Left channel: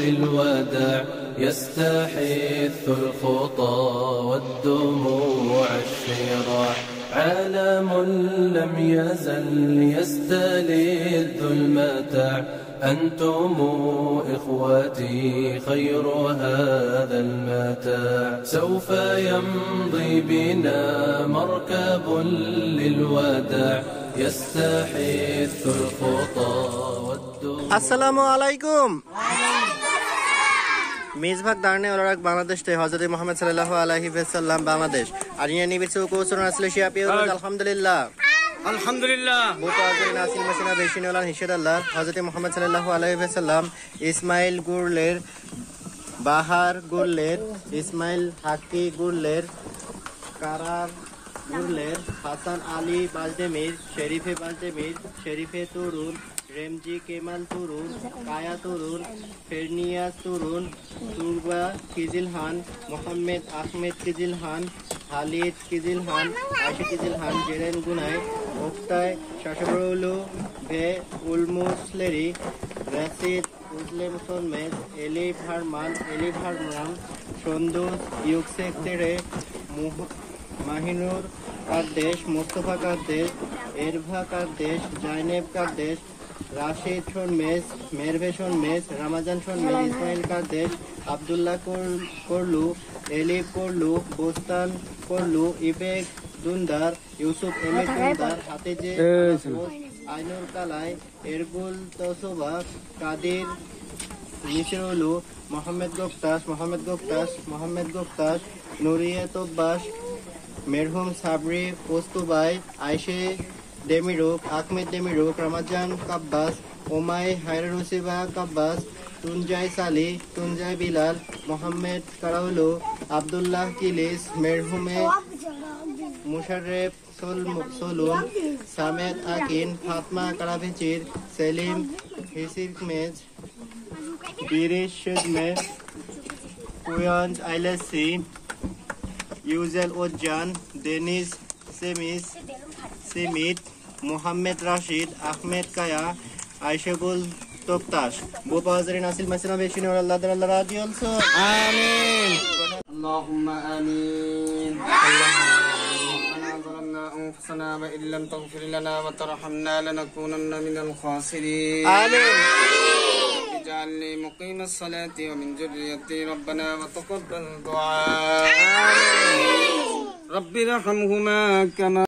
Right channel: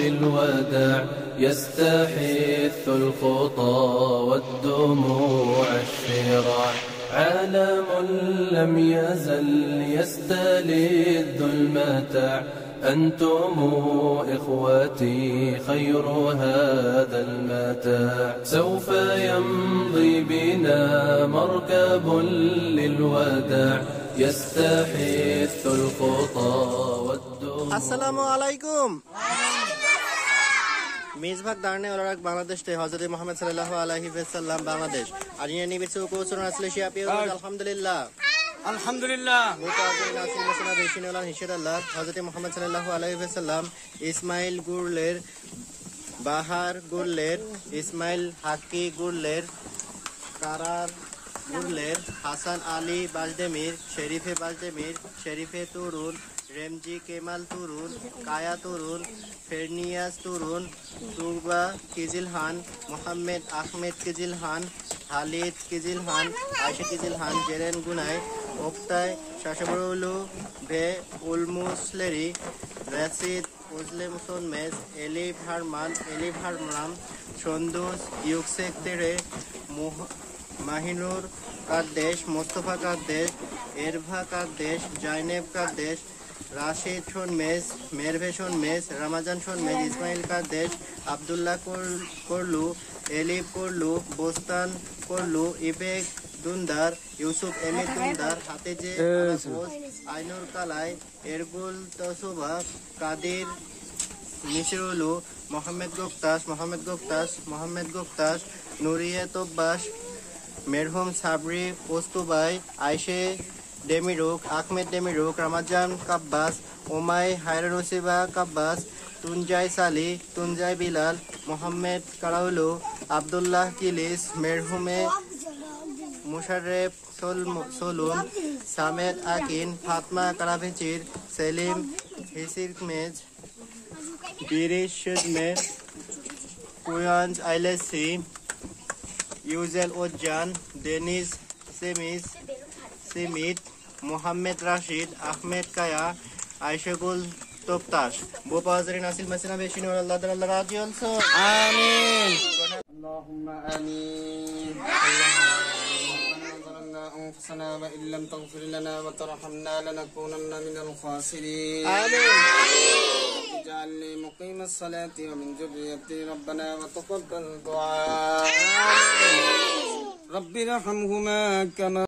للوداع يستحث الخطى والدموع الشراع عالم لم يزل يستلذ المتاع أنتم إخوتي خير هذا المتاع سوف يمضي بنا مركب للوداع يستحث الخطى والدموع السلام عليكم মেজবাগ দারনে ওলারাক বাংলাদেশ তে হযরত মুহাম্মদ সাল্লাল্লাহু আলাইহি ওয়াসাল্লাম বাংলাদেশ আরিয়া নিবিসু কোসুন আসলে শিয়াপিও আলহামদুলিল্লাহ আলহামদুলিল্লাহ মুতাজির নাসিল মাসিনা বেশিন ওলান হিশাদাল্লাহ হযরত মুহাম্মদ সাল্লাল্লাহু আলাইহি ওয়াসাল্লাম ইসমাইল গুরলের বাহার গুরলের ইসমাইল হাকি গুরলের কারার গুরলের হাসান আলী বাজদেমির শরীফে তুরুন रेमजी केमाल तुरुन काया तुरुन फेरनियास तुरुन तुरबा किजिलहान मोहम्मद आहमेद किजिलहान खालिद किजिलहान आशी किजिलहान जेरेन गुनाय मुक्ताय शाशबरलु बे उलमुसलेरी रशीद उजलेमसन मेज एलिफ हारमान सन्दुस युक्सेक तेरे माहिनुर कादेश मुस्तफा कादेश एरभा कादेश जाइनेब कादेश राशिद शोनमेज मेरभे शोनमेज रमजान शोनमेज इस्माइल कादेश Abdullah Korlu Elif Korlu Bostan Korlu इबेक दुंदार यूसुफ एमिक दुंदार हातेजे आइनुर कालाई एरगुल तसोबा कादिर मिसरुलू मोहम्मद गुप्तास नूरिया तोबाश मेरहुम साबरी पोस्तुबाई आयशे डेमिरुक आहमेद डेमिरुक रमजान काब्बास उमाय हायरुसिबा काब्बास तुंजाय साली तुंजाय बिलाल मोहम्मद कराउलू अब्दुल्लाह किलिस मेरहुमे मुशर्रेफ सोलुन सामेद आकिन फातमा कराभिचिर सेलिम हिसिरमेज बिरिश शुदमेर कुयांज आइलेसी यूजेल ओजान डेनिस सेमित मोहम्मद राशिद अहमेद काया आयशगुल तोक्ताश बोपाजरी नासिल मसना बेशिन और अल्लाह ताला राजी अलसो आमीन अल्लाहुम्मा आमीन أنفسنا وإن لم تغفر لنا وترحمنا لنكونن من الخاسرين آمين اجعلني مقيم الصلاة ومن ذريتي ربنا وتقبل دعاء آمين رب ارحمهما كما